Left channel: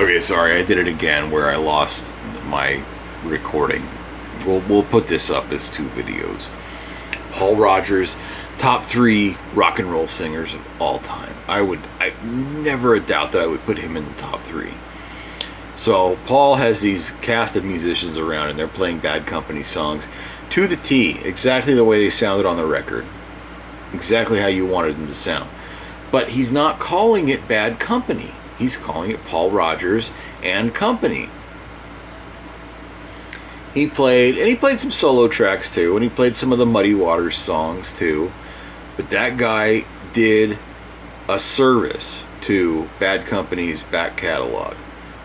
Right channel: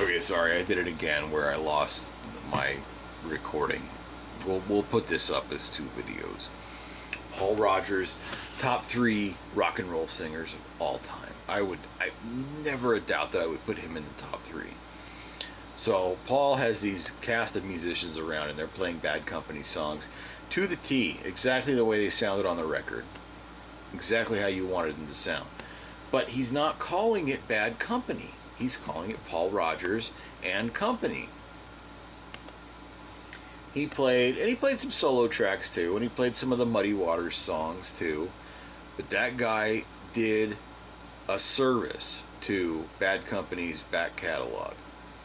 Okay, sorry, I did it again where I lost my recording. We'll put this up as two videos. Paul Rogers, top three rock and roll singers of all time. I never a doubt that I would put him in the top three. So Paul has these cast of musicians around, and they're playing Bad Company songs to the T, exactly the way they sounded on the record, exactly how you wanted them to sound. But he's not calling it Bad Company. He's calling it Paul Rogers and Company. He played some solo tracks too, and he played some of the Muddy Waters songs too. But that guy did a service to Bad Company's back catalog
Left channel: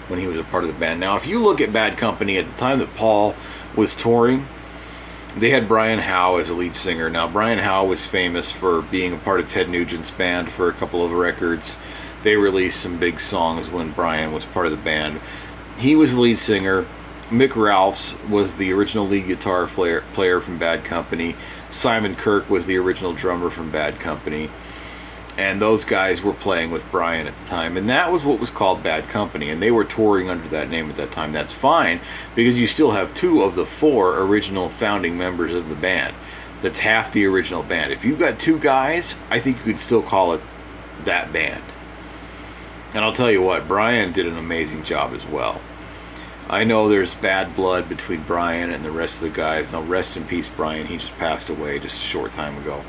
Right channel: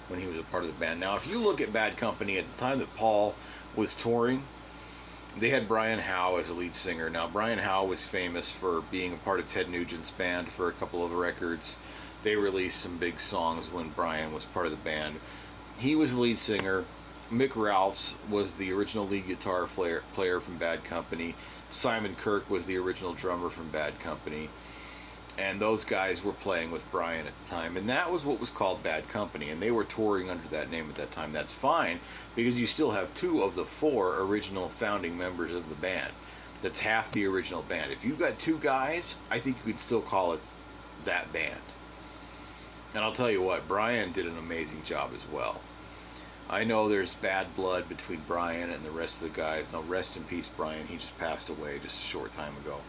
when he was a part of the band. Now, if you look at Bad Company at the time that Paul was touring, they had Brian Howe as a lead singer. Now, Brian Howe was famous for being a part of Ted Nugent's band for a couple of records. They released some big songs when Brian was part of the band. He was the lead singer. Mick Ralphs was the original lead guitar player from Bad Company. Simon Kirke was the original drummer from Bad Company. And those guys were playing with Brian at the time. And that was what was called Bad Company. And they were touring under that name at that time. That's fine, because you still have two of the four original founding members of the band. That's half the original band. If you've got two guys, I think you could still call it that band. And I'll tell you what, Brian did an amazing job as well. I know there's bad blood between Brian and the rest of the guys. Now, rest in peace, Brian. He just passed away just a short time ago.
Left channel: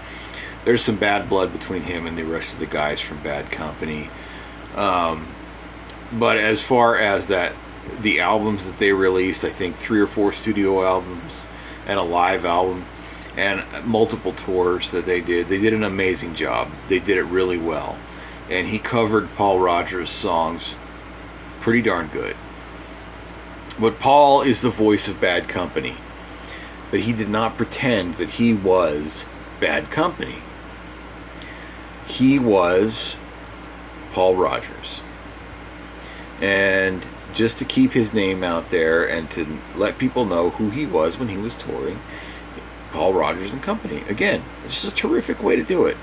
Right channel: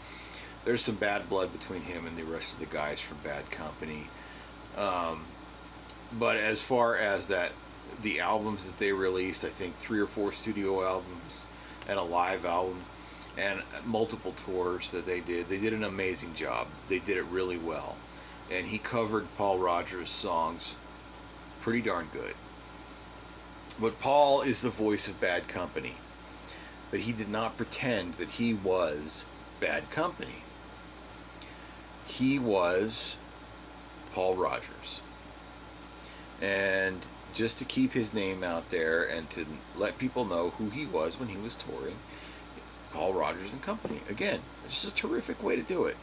There's some bad blood between him and the rest of the guys from Bad Company. But as far as the albums that they released, I think 3 or 4 studio albums and a live album and multiple tours that they did an amazing job. They did it really well. And he covered Paul Rogers' songs pretty darn good. But Paul is the voice of Bad Company. But he did not pretend that he was Bad Company. He was Paul Rogers. And just to keep his name out there and to let people know who he was when he was touring, Paul Rogers and Company. Again, it's just a terrific way to do it.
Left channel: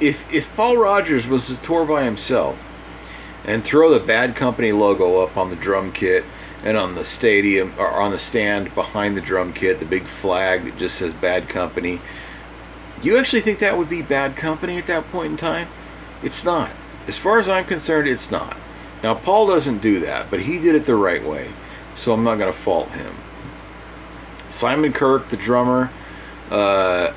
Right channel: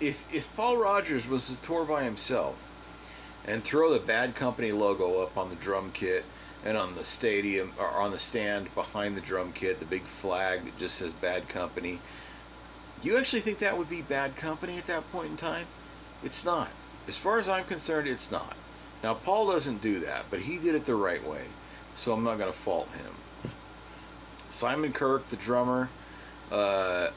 If Paul Rogers was to tour by himself and throw the Bad Company logo up on the drum kit and on the stadium or on the stand behind the drum kit, the big flag that just says Bad Company, do you actually think that would be Bad Company at that point in time? It's not. As far as I'm concerned, it's not. Now, Paul doesn't do that, but he did it the right way, so I'm not going to fault him. Simon Kirke, the drummer,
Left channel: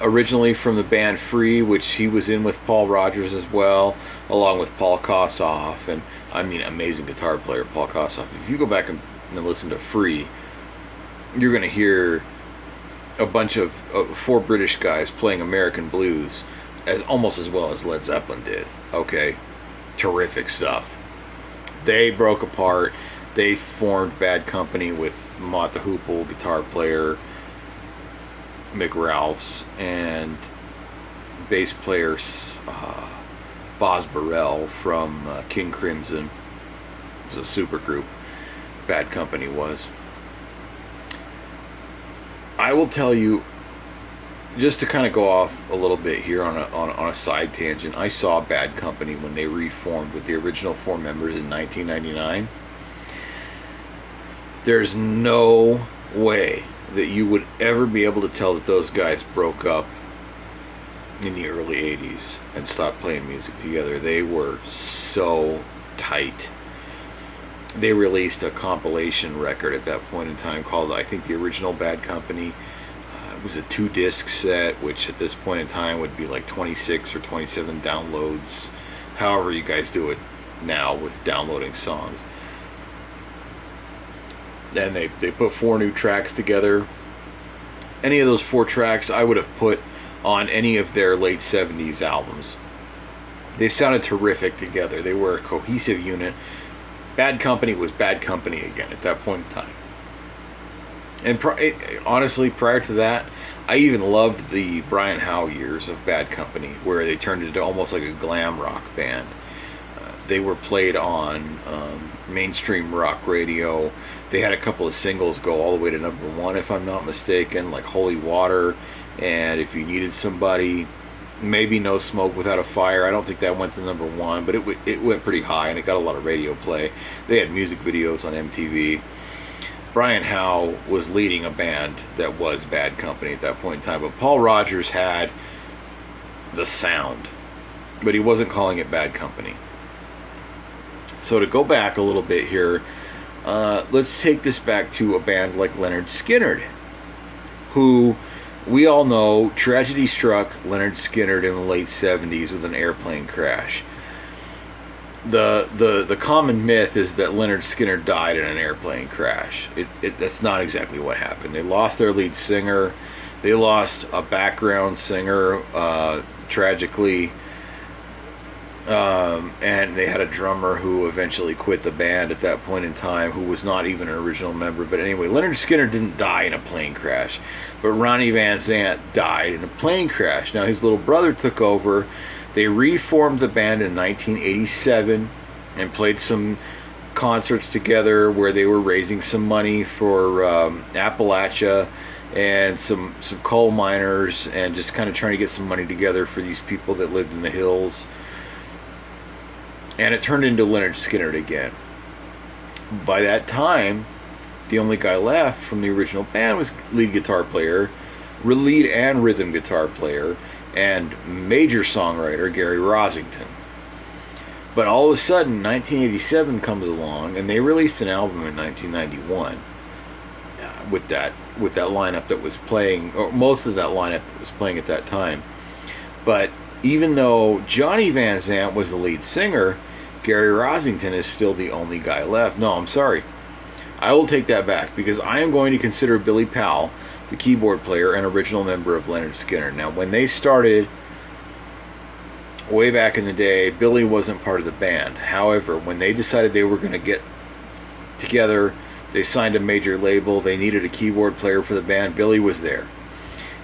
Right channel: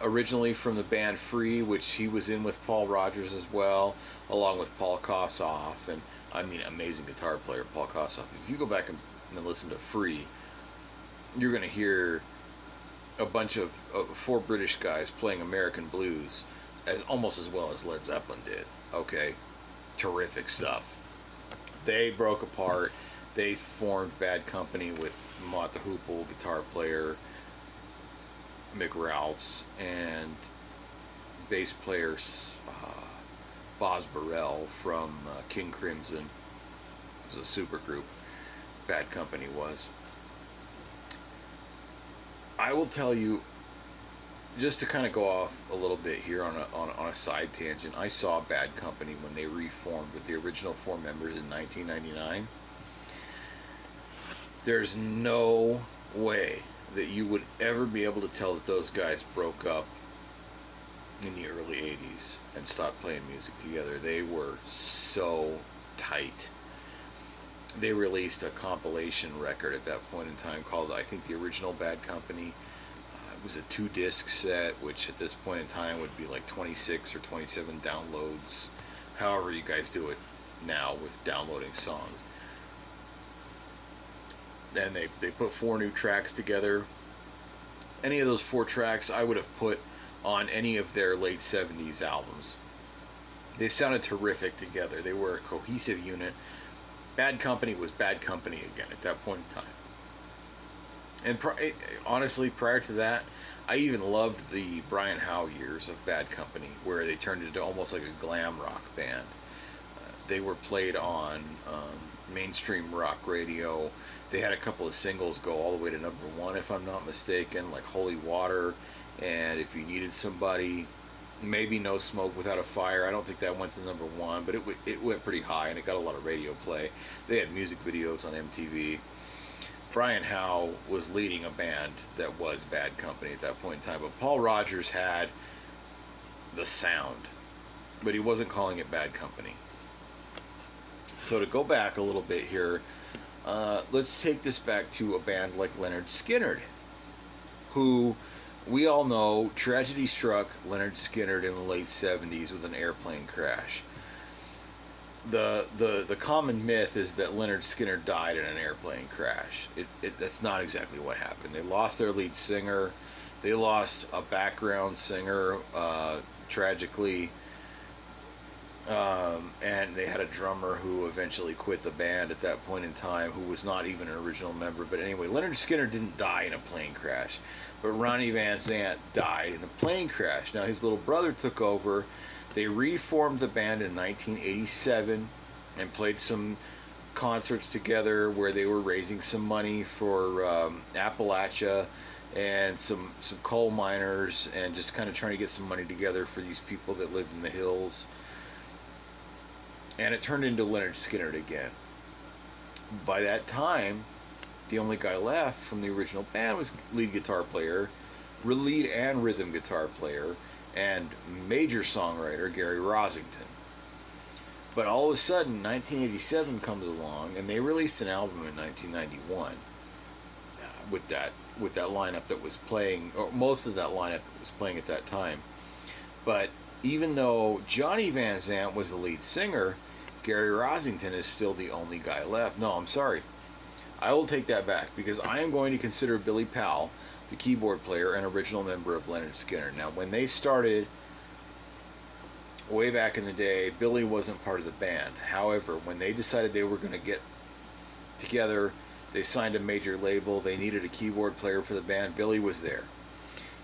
originally from the band Free, which he was in with Paul Rogers as well, along with Paul Kossoff, and I mean, amazing guitar player, Paul Kossoff. If you go back and listen to Free, you're going to hear a bunch of 4 British guys playing American blues almost as well as Led Zeppelin did. Okay, terrific stuff. They broke apart. They formed Bad Company with Mott the Hoople, guitar player, Mick Ralphs, and bass player Boz Burrell from King Crimson. It was a super group. Bad Company was. I will tell you, just to kind of go off a little bit here on a side tangent, I saw Bad Company when they reformed with the original 4 members in 1999. There's no way that you would ever be able to tell that those guys broke up in the early 80s and stopped playing music together. They were so tight. They released a compilation record at that point in time called, I think, The Original Bad Company. It was a 2-disc set, which at this point in time would be like 26 or 27 downloads, however you guys do it now with downloading songs. Then they put 4 new tracks together. Any of those 4 tracks I would have put on any of their late 70s albums. They sounded terrific together. They were a cohesive unit. Bad Company was Bad Company again at that point in time. And honestly, prior to that, I even loved the Brian Howe years of Bad Company, where they turned into almost like a glam rock band. They were played on mainstream rock radio. They had a couple of singles go all the way to number 1, if I'm not mistaken, like Holy Water, and If You Needed Somebody. maybe No Smoke Without a Fire. I don't think that went to number one, but it went pretty high and it got a lot of radio play. They had music videos on MTV. Brian Howe was leading a band that was Bad Company at that point in time, but Paul Rodgers had the sound, but he wasn't calling it Bad Company. So to go back a little bit here, let's take this back to a band like Lynyrd Skynyrd, who we all know tragedy struck Lynyrd Skynyrd in the late 70s with an airplane crash. The common myth is that Lynyrd Skynyrd died in an airplane crash. That's not exactly what happened. They lost their lead singer. They lost a background singer, tragically. And they had a drummer who eventually quit the band at that point in time, who was not even an original member. But anyway, Lynyrd Skynyrd didn't die in a plane crash, but Ronnie Van Zant died in a plane crash. Now his little brother took over. They reformed the band in 1987 and played some concerts together where they were raising some money for Appalachia and some coal miners, and just kind of trying to get some money together for these people that lived in the hills. And it turned into Lynyrd Skynyrd again. By that time, the only guy left from the original band was lead guitar player, lead and rhythm guitar player, and major songwriter Gary Rossington. But all of a sudden, 1987 comes along, and they released an album in 1991 with that lineup that was playing, or most of that lineup was playing at that time. But even though Johnny Van Zant was the lead singer, Gary Rossington is still the only guy left. No, I'm sorry. I will take that back, because I am going to consider Billy Powell, the keyboard player, an original member of Lynyrd Skynyrd. Now, when they started way back in the day, Billy wasn't part of the band. However, when they decided they were going to get together, they signed a major label, they needed a keyboard player for the band, Billy was there.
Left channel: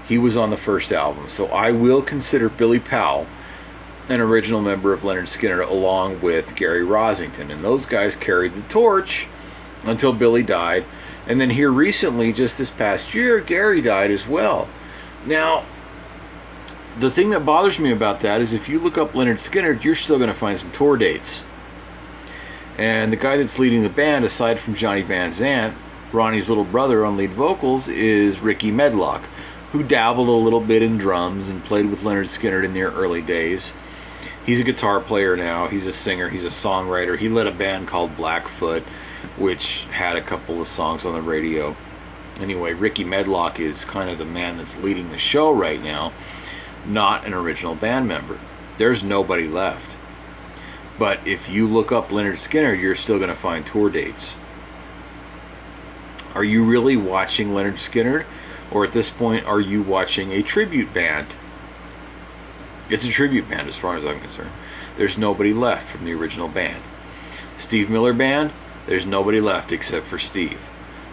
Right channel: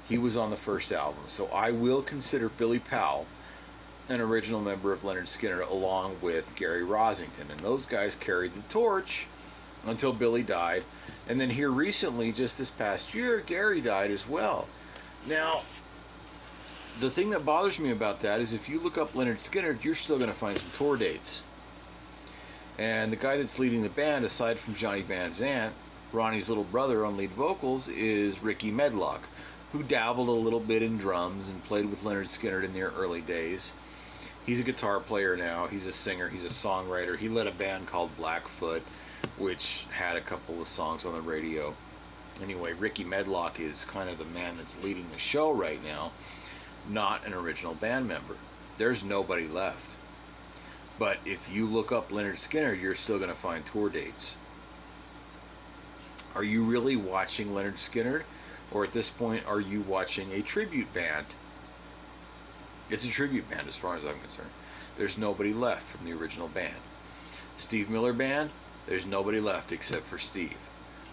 He was on the first album. So I will consider Billy Powell an original member of Lynyrd Skynyrd, along with Gary Rossington. And those guys carried the torch until Billy died. And then here recently, just this past year, Gary died as well. Now, the thing that bothers me about that is if you look up Lynyrd Skynyrd, you're still going to find some tour dates. And the guy that's leading the band, aside from Johnny Van Zant, Ronnie's little brother on lead vocals, is Ricky Medlock, who dabbled a little bit in drums and played with Lynyrd Skynyrd in their early days. He's a guitar player now. He's a singer. He's a songwriter. He led a band called Blackfoot, which had a couple of songs on the radio. Anyway, Ricky Medlock is kind of the man that's leading the show right now, not an original band member. There's nobody left. But if you look up Lynyrd Skynyrd, you're still going to find tour dates. Are you really watching Lynyrd Skynyrd? Or at this point, are you watching a tribute band? It's a tribute band as far as I'm concerned. There's nobody left from the original band. Steve Miller Band, there's nobody left except for Steve.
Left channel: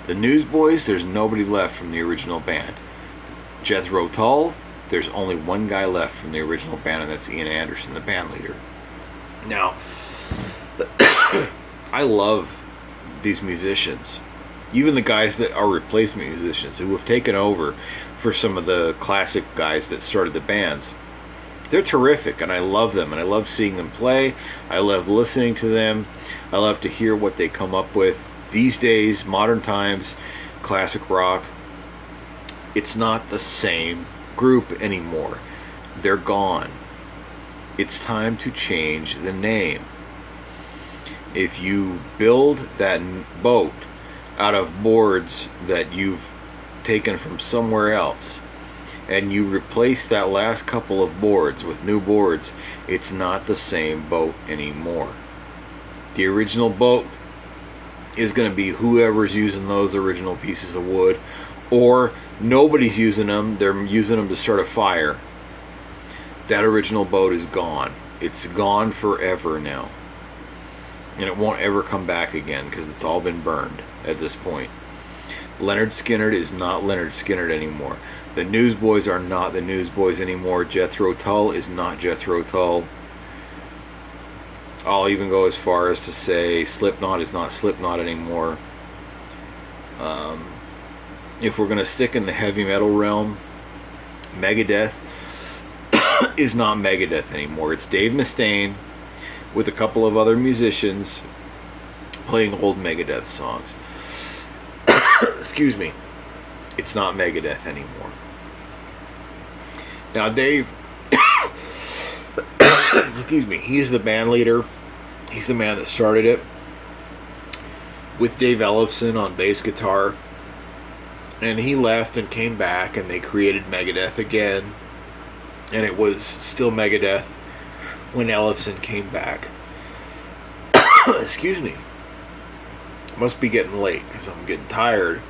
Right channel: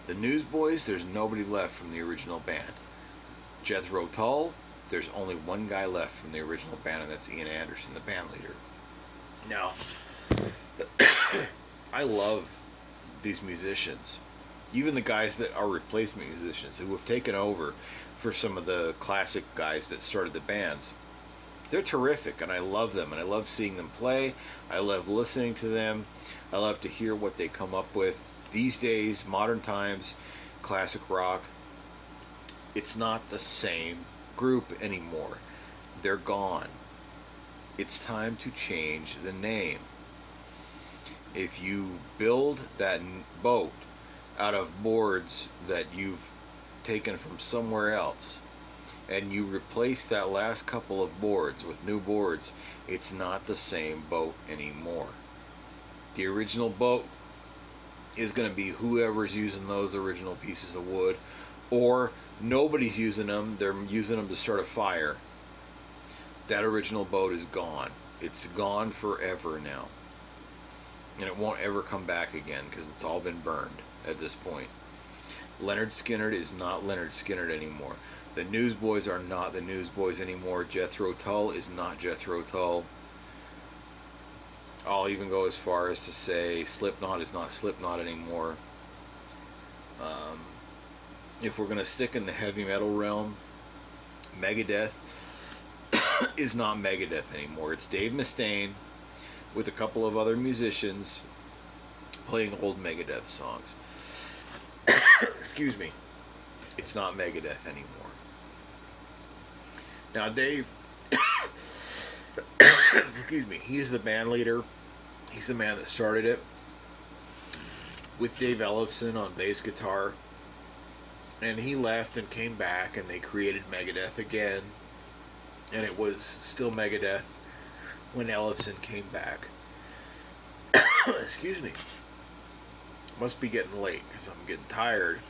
The Newsboys, there's nobody left from the original band. Jethro Tull, there's only one guy left from the original band, and that's Ian Anderson, the band leader. Now, I love these musicians. Even the guys that are replacement musicians who have taken over for some of the classic guys that started the bands. They're terrific, and I love them, and I love seeing them play. I love listening to them. I love to hear what they come up with. These days, modern times, classic rock, it's not the same group anymore. They're gone. It's time to change the name. If you build that boat out of boards that you've taken from somewhere else, and you replace that last couple of boards with new boards, it's not the same boat anymore. The original boat is going to be whoever's using those original pieces of wood, or nobody's using them, they're using them to start a fire. That original boat is gone. It's gone forever now. And it won't ever come back again because it's all been burned at this point. Lynyrd Skynyrd is not Lynyrd Skynyrd anymore. The Newsboys are not the Newsboys anymore. Jethro Tull is not Jethro Tull. I'll even go as far as to say Slipknot is not Slipknot anymore. If we're going to stick in the heavy metal realm, Megadeth is not Megadeth anymore. It's Dave Mustaine with a couple of other musicians playing old Megadeth songs. Excuse me. It's not Megadeth anymore. Now, Dave, excuse me, he's the band leader. He's the man that started it with Dave Ellefson on bass guitar. And he left and came back, and they created Megadeth again. And it was still Megadeth when Ellefson came back. Excuse me. Must be getting late because I'm getting tired.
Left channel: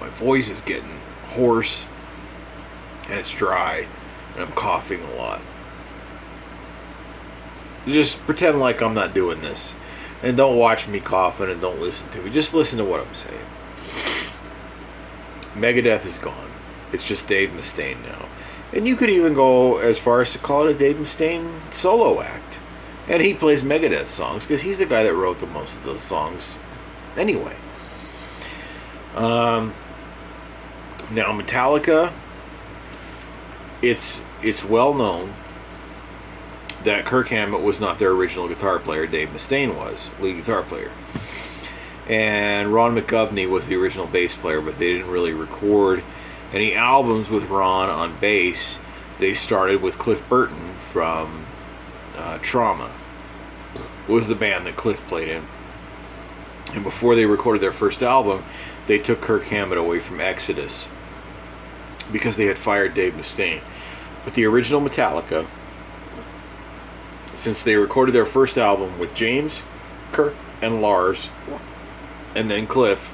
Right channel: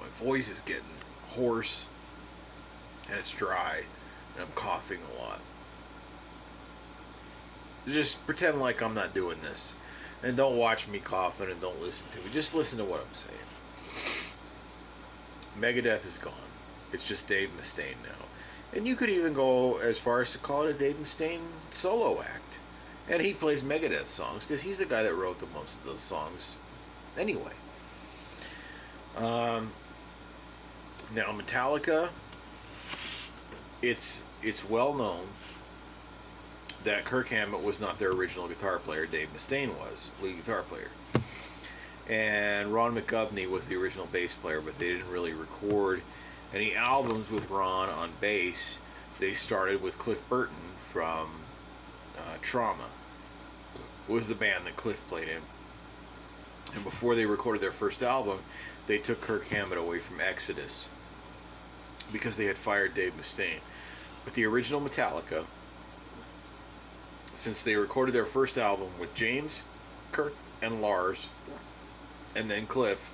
My voice is getting hoarse, and it's dry, and I'm coughing a lot. Just pretend like I'm not doing this. And don't watch me coughing, and don't listen to me. Just listen to what I'm saying. Megadeth is gone. It's just Dave Mustaine now. And you could even go as far as to call it a Dave Mustaine solo act. And he plays Megadeth songs because he's the guy that wrote the most of those songs anyway. Now Metallica, it's well known that Kirk Hammett was not their original guitar player. Dave Mustaine was lead guitar player. And Ron McGovney was the original bass player, but they didn't really record any albums with Ron on bass. They started with Cliff Burton from Trauma. Was the band that Cliff played in. And before they recorded their first album, they took Kirk Hammett away from Exodus because they had fired Dave Mustaine. But the original Metallica, since they recorded their first album with James, Kirk, and Lars, and then Cliff,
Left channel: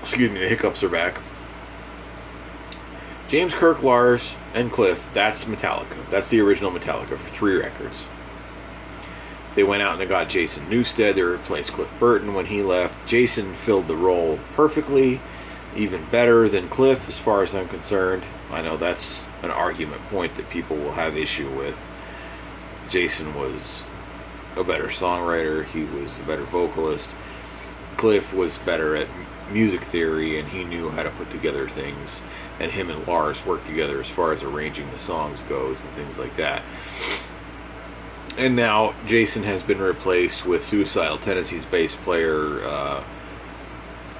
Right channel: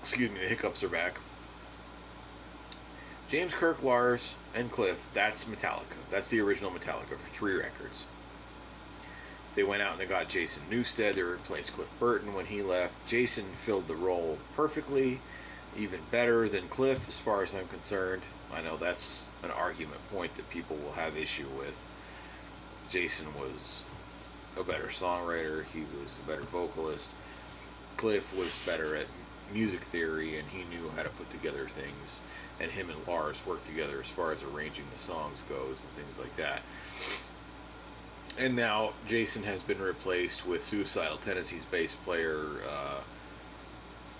excuse me, the hiccups are back. James, Kirk, Lars, and Cliff, that's Metallica. That's the original Metallica for 3 records. They went out and they got Jason Newsted. They replaced Cliff Burton when he left. Jason filled the role perfectly, even better than Cliff as far as I'm concerned. I know that's an argument point that people will have issue with. Jason was a better songwriter. He was a better vocalist. Cliff was better at music theory, and he knew how to put together things. And him and Lars worked together as far as arranging the songs goes and things like that. And now Jason has been replaced with Suicidal Tendencies bass player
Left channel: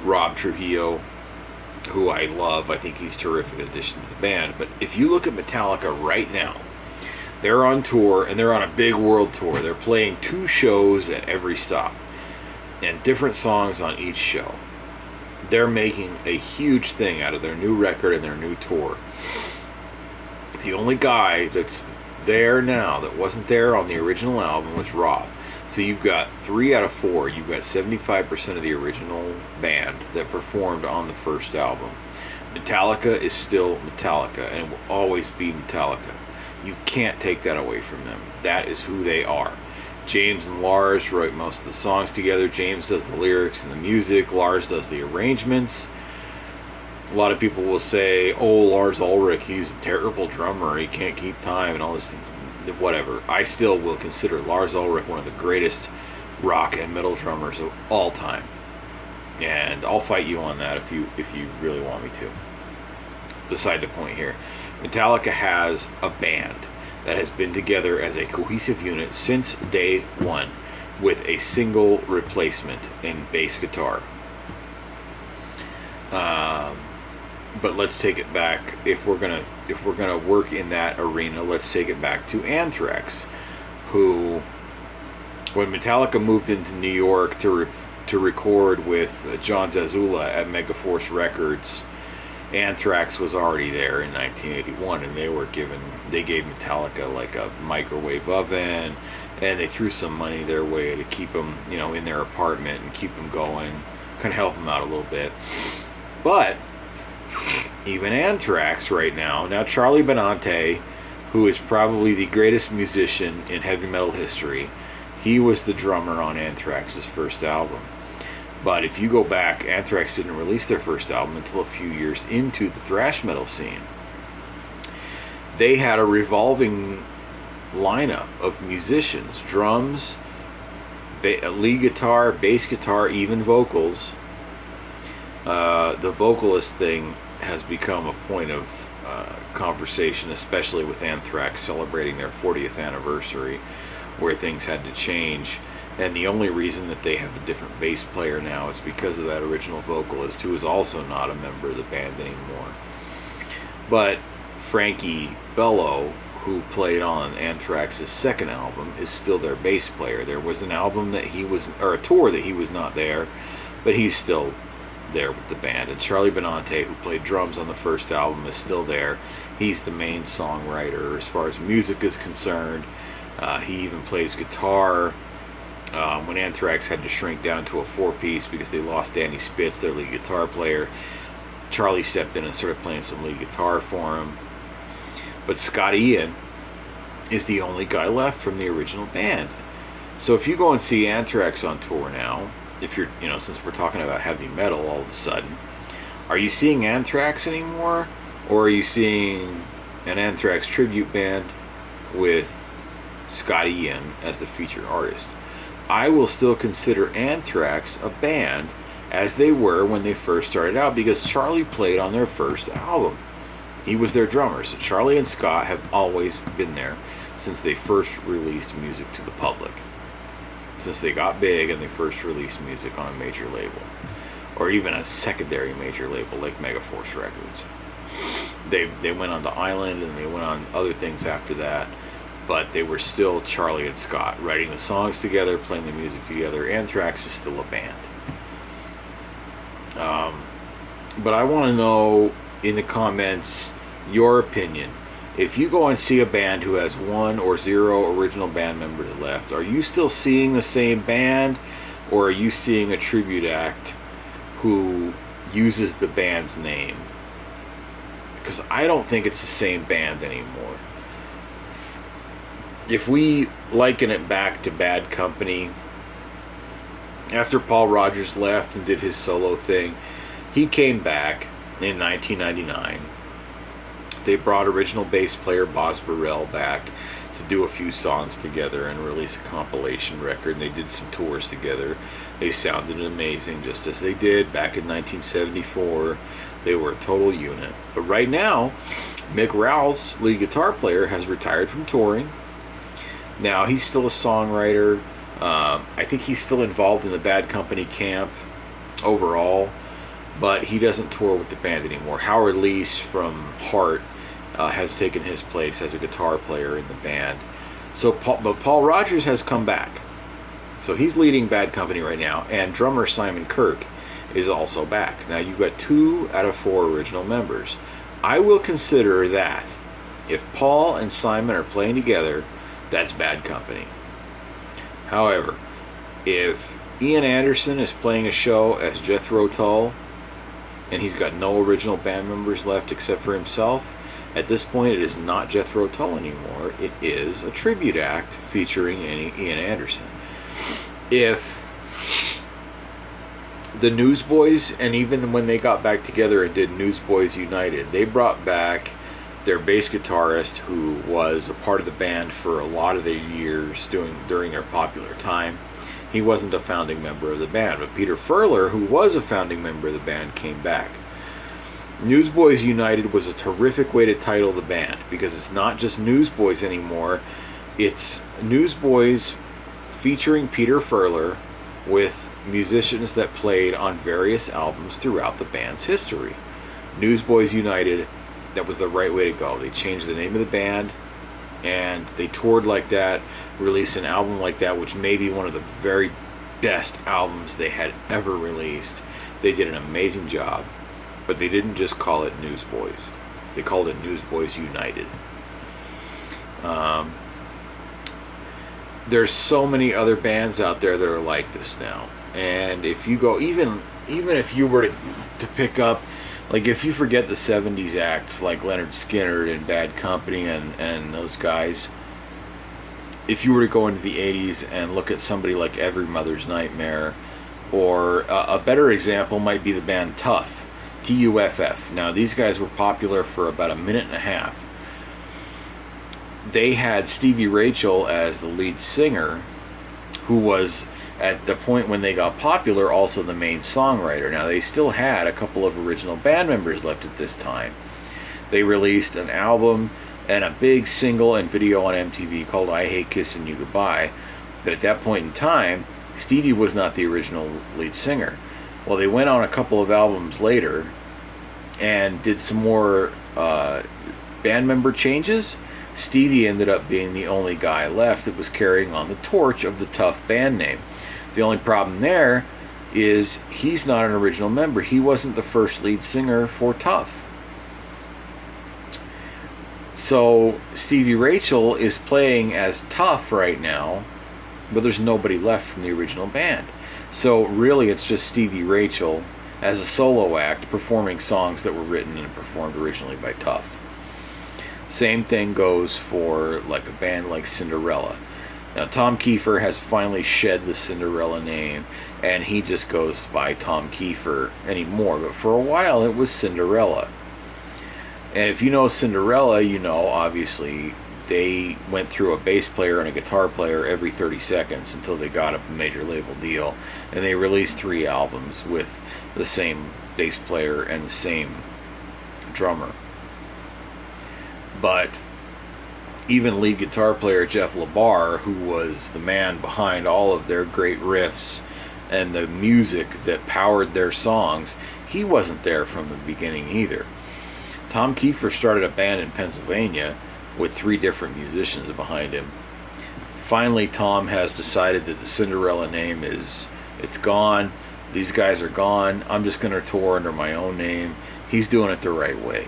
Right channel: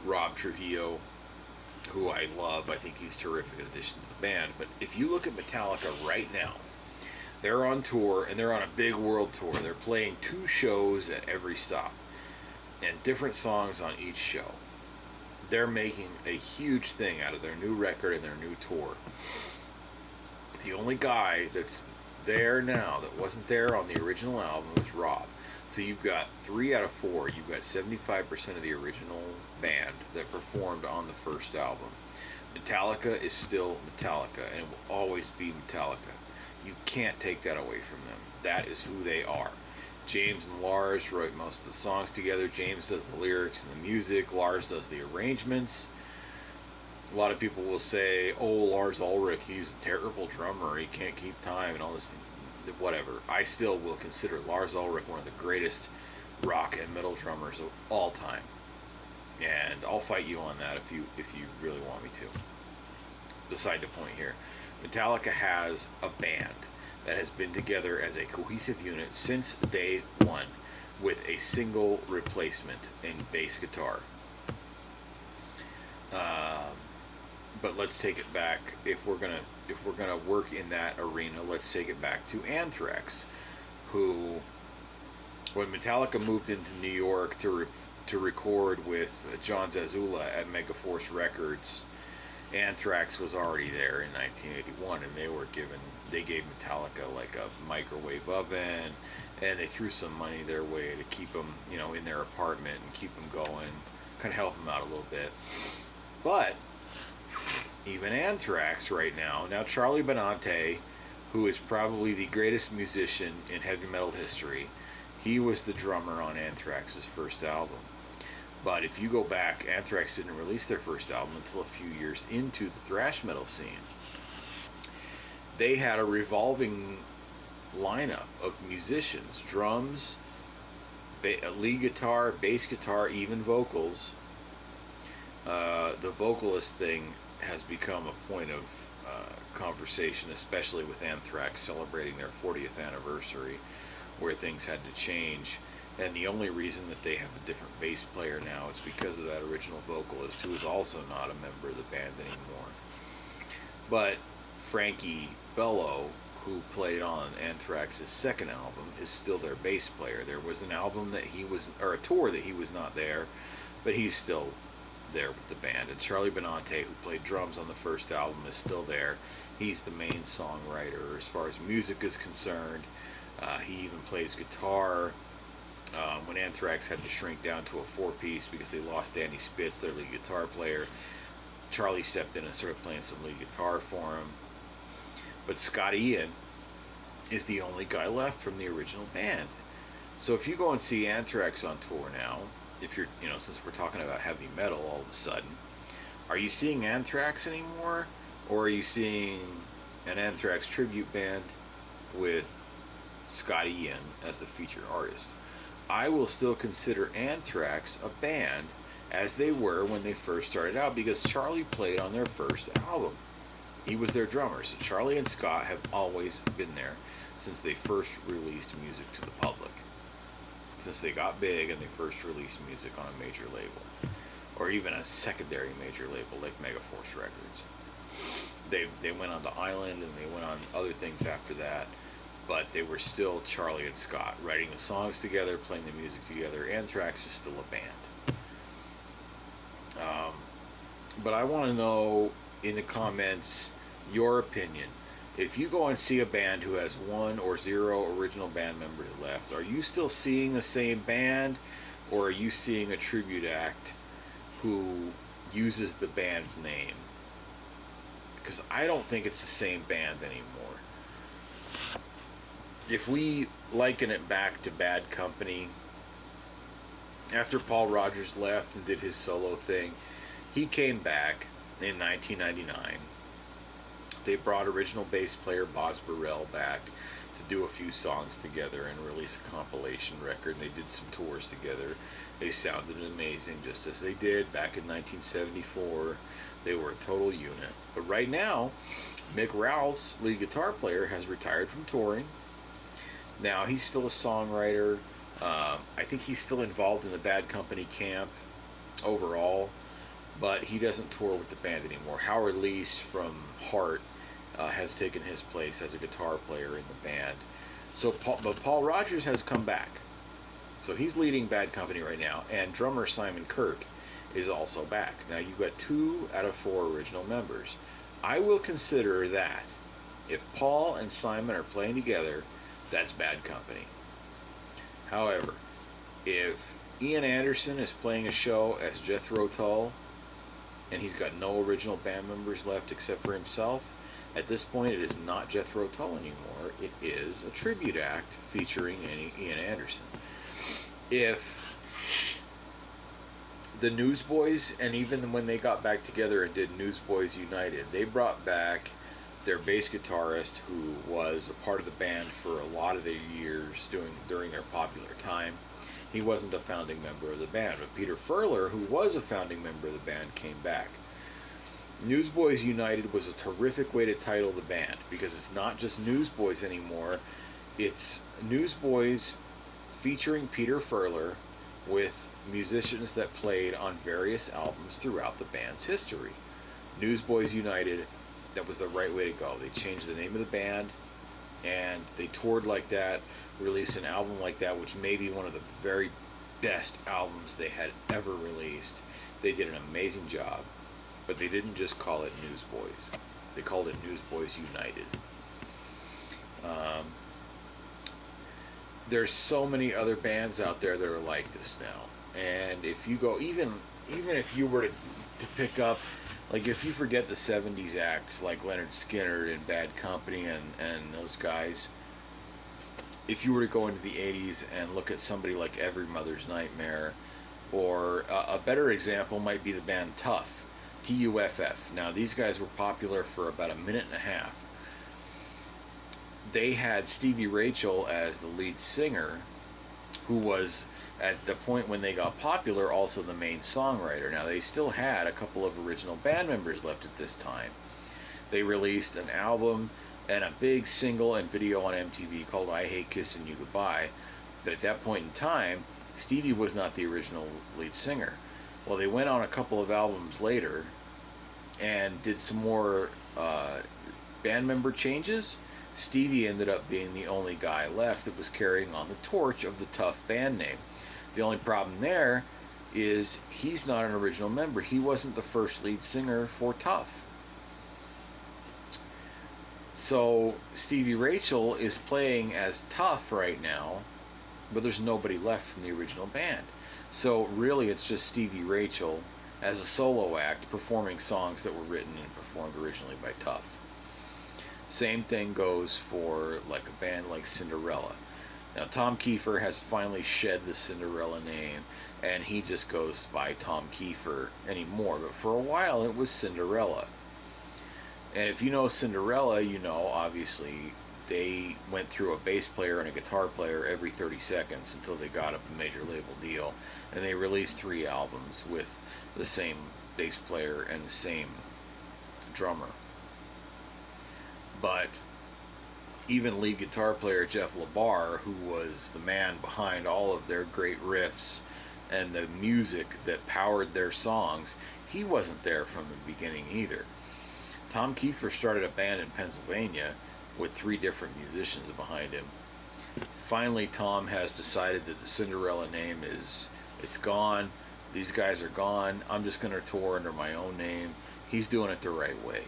Rob Trujillo, who I love. I think he's a terrific addition to the band. But if you look at Metallica right now, they're on tour, and they're on a big world tour. They're playing 2 shows at every stop, and different songs on each show. They're making a huge thing out of their new record and their new tour. The only guy that's there now that wasn't there on the original album was Rob. So you've got 3 out of 4. You've got 75% of the original band that performed on the first album. Metallica is still Metallica, and will always be Metallica. You can't take that away from them. That is who they are. James and Lars wrote most of the songs together. James does the lyrics and the music. Lars does the arrangements. A lot of people will say, oh, Lars Ulrich, he's a terrible drummer. He can't keep time and all this. Whatever. I still will consider Lars Ulrich one of the greatest rock and metal drummers of all time. And I'll fight you on that if you really want me to. Beside the point here. Metallica has a band that has been together as a cohesive unit since day one, with a single replacement in bass guitar. But let's take it back. If we're gonna work in that arena, let's take it back to Anthrax, who, when Metallica moved into New York to record with John Zazula at Megaforce Records, Anthrax was already there in 1981, and they gave Metallica like a microwave oven, and they threw some money their way to keep them, in their apartment and keep them going, kind of help them out a little bit. But even Anthrax right now Charlie Benante, who is probably the greatest musician in heavy metal history, he was the drummer on Anthrax's first album. But if you go back, Anthrax didn't release their first album until a few years into the thrash metal scene. They had a revolving lineup of musicians, drums, lead guitar, bass guitar, even vocals. The vocalist thing has become a point of conversation, especially with Anthrax celebrating their 40th anniversary, where things had to change. And the only reason that they have a different bass player now is because of that original vocalist, who is also not a member of the band anymore. But Frankie Bello, who played on Anthrax's second album, is still their bass player. There was an album that he was, or a tour that he was not there, but he's still there with the band. And Charlie Benante, who played drums on the first album, is still there. He's the main songwriter as far as music is concerned. He even plays guitar. When Anthrax had to shrink down to a 4-piece because they lost Danny Spitz, their lead guitar player, Charlie stepped in and started playing some lead guitar for him. But Scott Ian is the only guy left from the original band. So if you go and see Anthrax on tour now, if you're, since we're talking about heavy metal all of a sudden, are you seeing Anthrax anymore? Or are you seeing an Anthrax tribute band with Scott Ian as the featured artist? I will still consider Anthrax a band as they were when they first started out, because Charlie played on their first album. He was their drummer. So Charlie and Scott have always been there since they first released music to the public. Since they got big and they first released music on a major label, or even a secondary major label like Megaforce Records. They went on to Island and they went on other things after that, but they were still Charlie and Scott, writing the songs together, playing the music together. Anthrax is still a band. But I want to know in the comments your opinion. If you go and see a band who has 1 or 0 original band members left, are you still seeing the same band, or are you seeing a tribute act who uses the band's name? Because I don't think it's the same band anymore. If we liken it back to Bad Company, after Paul Rodgers left and did his solo thing, he came back in 1999. They brought original bass player Boz Burrell back to do a few songs together and release a compilation record. And they did some tours together. They sounded amazing, just as they did back in 1974. They were a total unit. But right now, Mick Ralphs, lead guitar player, has retired from touring. Now, he's still a songwriter. I think he's still involved in the Bad Company camp overall, but he doesn't tour with the band anymore. Howard Leese from Heart has taken his place as a guitar player in the band. But Paul Rodgers has come back. So he's leading Bad Company right now, and drummer Simon Kirke is also back. Now you've got 2 out of 4 original members. I will consider that if Paul and Simon are playing together, that's Bad Company. However, if Ian Anderson is playing a show as Jethro Tull, and he's got no original band members left except for himself, at this point it is not Jethro Tull anymore. It is a tribute act featuring Ian Anderson. If the Newsboys, and even when they got back together and did Newsboys United, they brought back their bass guitarist, who was a part of the band for a lot of the years during their popular time. He wasn't a founding member of the band, but Peter Furler, who was a founding member of the band, came back. Newsboys United was a terrific way to title the band, because it's not just Newsboys anymore. It's Newsboys featuring Peter Furler with musicians that played on various albums throughout the band's history. Newsboys United, that was the right way to go. They changed the name of the band, and they toured like that, released an album like that, which may be one of the very best albums they had ever released. They did an amazing job, but they didn't just call it Newsboys. They called it Newsboys United. There's so many other bands out there that are like this now, and if you go, even if you were to pick up, like, if you forget the 70s acts like Leonard Skinner and Bad Company and those guys, if you were to go into the 80s and look at somebody like Every Mother's Nightmare, or a better example might be the band Tuff, Tuff. Now, these guys were popular for about a minute and a half. They had Stevie Rachel as the lead singer, who was, at the point when they got popular, also the main songwriter. Now, they still had a couple of original band members left at this time. They released an album and a big single and video on MTV called I Hate Kissing You Goodbye. But at that point in time, Stevie was not the original lead singer. Well, they went on a couple of albums later and did some more band member changes. Stevie ended up being the only guy left that was carrying on the torch of the Tuff band name. The only problem there is he's not an original member. He wasn't the first lead singer for Tuff. So Stevie Rachel is playing as Tuff right now, but there's nobody left from the original band. So really it's just Stevie Rachel as a solo act performing songs that were written and performed originally by Tuff. Same thing goes for like a band like Cinderella. Now Tom Kiefer has finally shed the Cinderella name and he just goes by Tom Kiefer anymore, but for a while it was Cinderella. And if you know Cinderella, you know obviously they went through a bass player and a guitar player every 30 seconds until they got a major label deal, and they released 3 albums with the same bass player and the same drummer. But even lead guitar player Jeff LaBar, who was the man behind all of their great riffs and the music that powered their songs, he wasn't there from the beginning either. Tom Kiefer started a band in Pennsylvania with 3 different musicians behind him. Finally, Tom has decided that the Cinderella name it's gone. These guys are gone. I'm just going to tour under my own name. He's doing it the right way.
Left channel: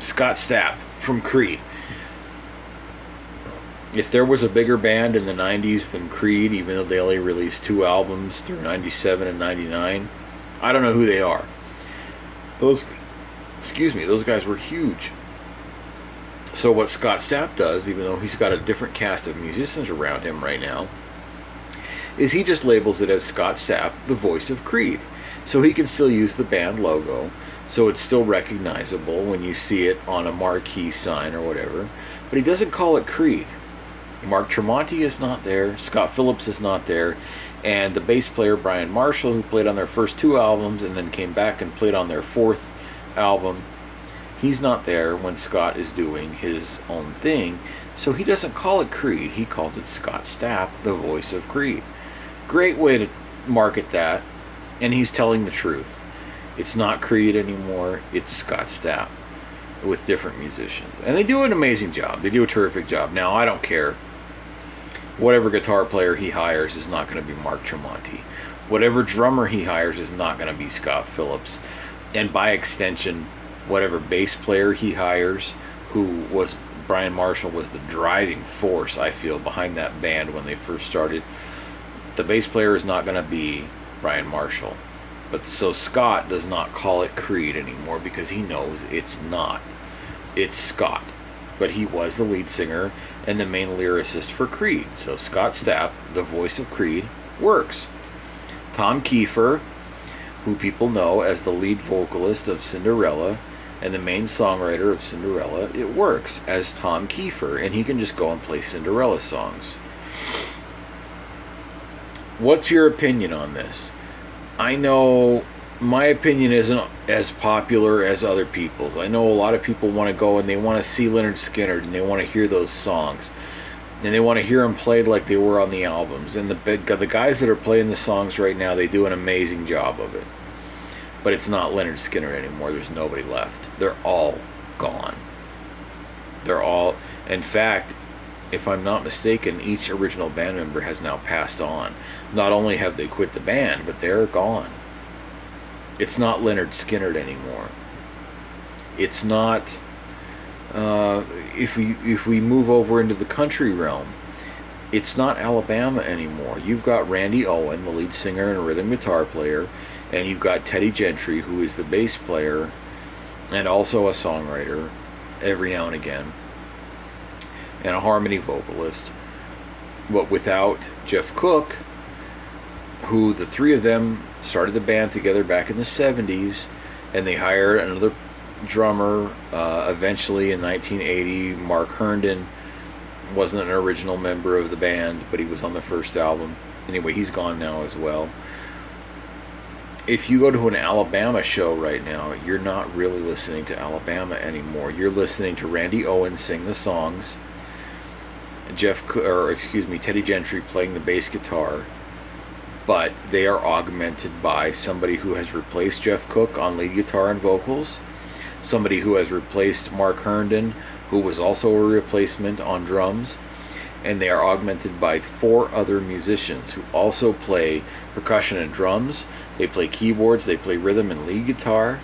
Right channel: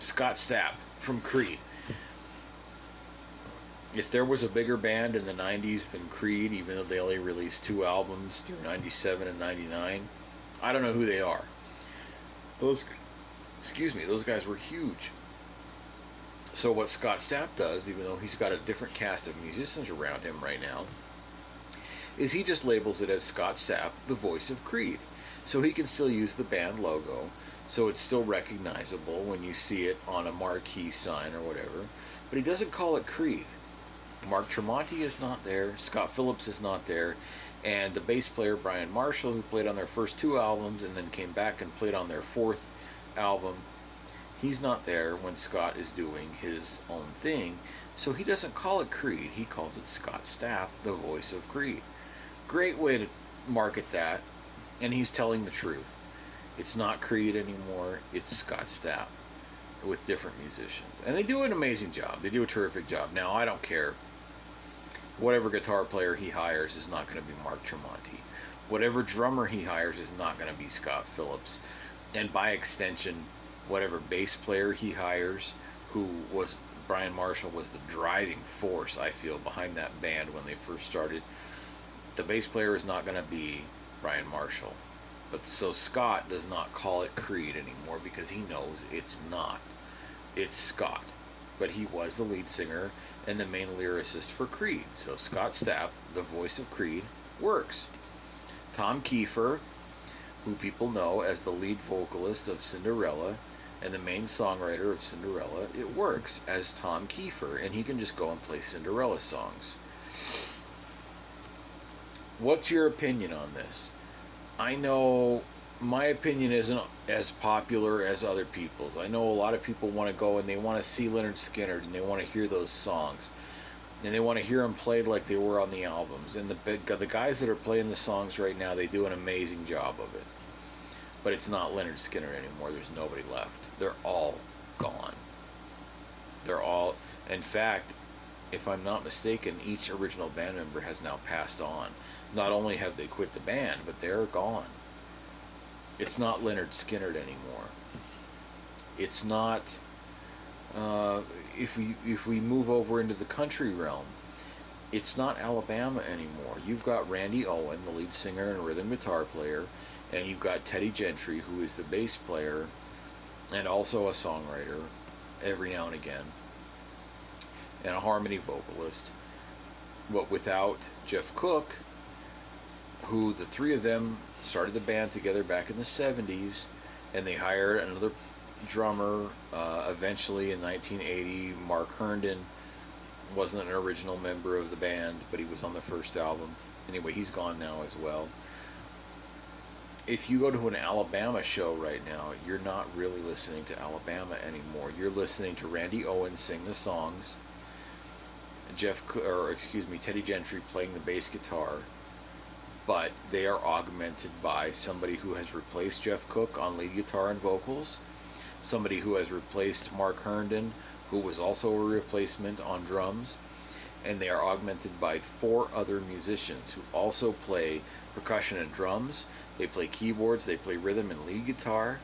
Scott Stapp from Creed. If there was a bigger band in the 90s than Creed, even though they only released 2 albums through 97 and 99, I don't know who they are. Those guys were huge. So what Scott Stapp does, even though he's got a different cast of musicians around him right now, is he just labels it as Scott Stapp, the voice of Creed. So he can still use the band logo, so it's still recognizable when you see it on a marquee sign or whatever, but he doesn't call it Creed. Mark Tremonti is not there, Scott Phillips is not there, and the bass player Brian Marshall, who played on their first 2 albums and then came back and played on their 4th album, he's not there when Scott is doing his own thing, so he doesn't call it Creed, he calls it Scott Stapp, the voice of Creed. Great way to market that, and he's telling the truth. It's not Creed anymore, it's Scott Stapp with different musicians. And they do an amazing job. They do a terrific job. Now, I don't care. Whatever guitar player he hires is not going to be Mark Tremonti. Whatever drummer he hires is not going to be Scott Phillips. And by extension, whatever bass player he hires, who was Brian Marshall was the driving force, I feel, behind that band when they first started. The bass player is not going to be Brian Marshall. But so Scott does not call it Creed anymore because he knows it's not. It's Scott. But he was the lead singer and the main lyricist for Creed. So Scott Stapp, the voice of Creed, works. Tom Kiefer, who people know as the lead vocalist of Cinderella and the main songwriter of Cinderella, it works as Tom Kiefer, and he can just go and play Cinderella songs. What's your opinion on this? I know my opinion isn't as popular as other people's. I know a lot of people want to go and they want to see Lynyrd Skynyrd and they want to hear those songs. And they want to hear them played like they were on the albums. And the guys that are playing the songs right now, they do an amazing job of it. But it's not Lynyrd Skynyrd anymore. There's nobody left. They're all gone. They're all... In fact, if I'm not mistaken, each original band member has now passed on. Not only have they quit the band, but they're gone. It's not Lynyrd Skynyrd anymore. It's not... if we move over into the country realm, it's not Alabama anymore. You've got Randy Owen, the lead singer and rhythm guitar player, and you've got Teddy Gentry, who is the bass player and also a songwriter every now and again, and a harmony vocalist. But without Jeff Cook, who the 3 of them started the band together back in the 70s, and they hired another drummer eventually in 1980. Mark Herndon wasn't an original member of the band, but he was on the first album. Anyway, he's gone now as well. if you go to an Alabama show right now, you're not really listening to Alabama anymore. You're listening to Randy Owens sing the songs, Teddy Gentry playing the bass guitar, but they are augmented by somebody who has replaced Jeff Cook on lead guitar and vocals, somebody who has replaced Mark Herndon, who was also a replacement on drums, and they are augmented by 4 other musicians who also play percussion and drums. They play keyboards, they play rhythm and lead guitar.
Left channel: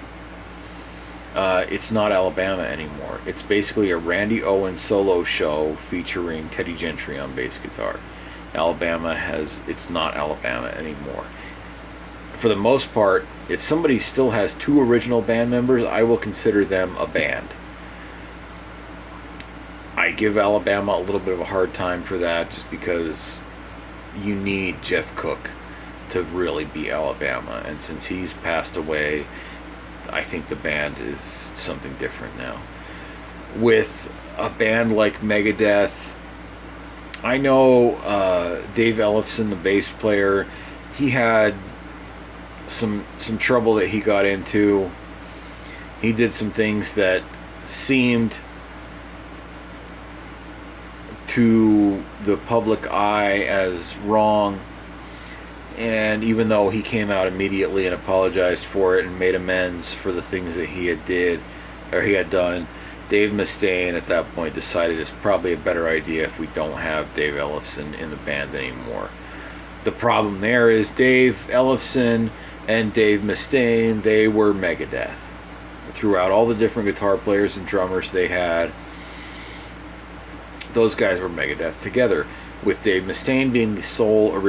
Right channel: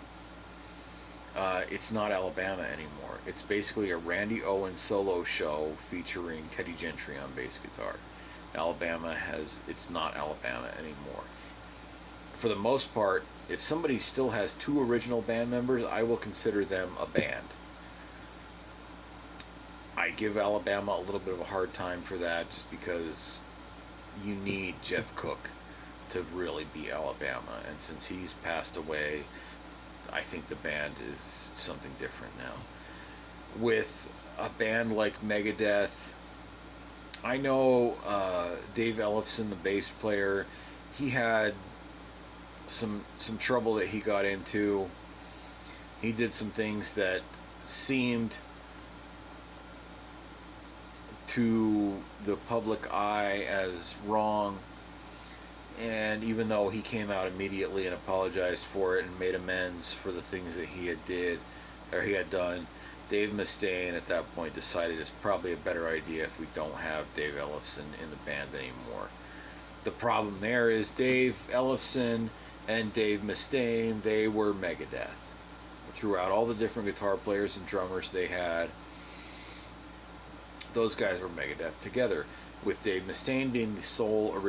It's not Alabama anymore. It's basically a Randy Owens solo show featuring Teddy Gentry on bass guitar. It's not Alabama anymore. For the most part, if somebody still has 2 original band members, I will consider them a band. I give Alabama a little bit of a hard time for that, just because you need Jeff Cook to really be Alabama, and since he's passed away, I think the band is something different now. With a band like Megadeth, I know Dave Ellefson, the bass player, he had some trouble that he got into. He did some things that seemed to the public eye as wrong, and even though he came out immediately and apologized for it and made amends for the things that he had done, Dave Mustaine at that point decided it's probably a better idea if we don't have Dave Ellefson in the band anymore. The problem there is Dave Ellefson and Dave Mustaine, they were Megadeth. Throughout all the different guitar players and drummers they had, those guys were Megadeth together, with Dave Mustaine being the sole original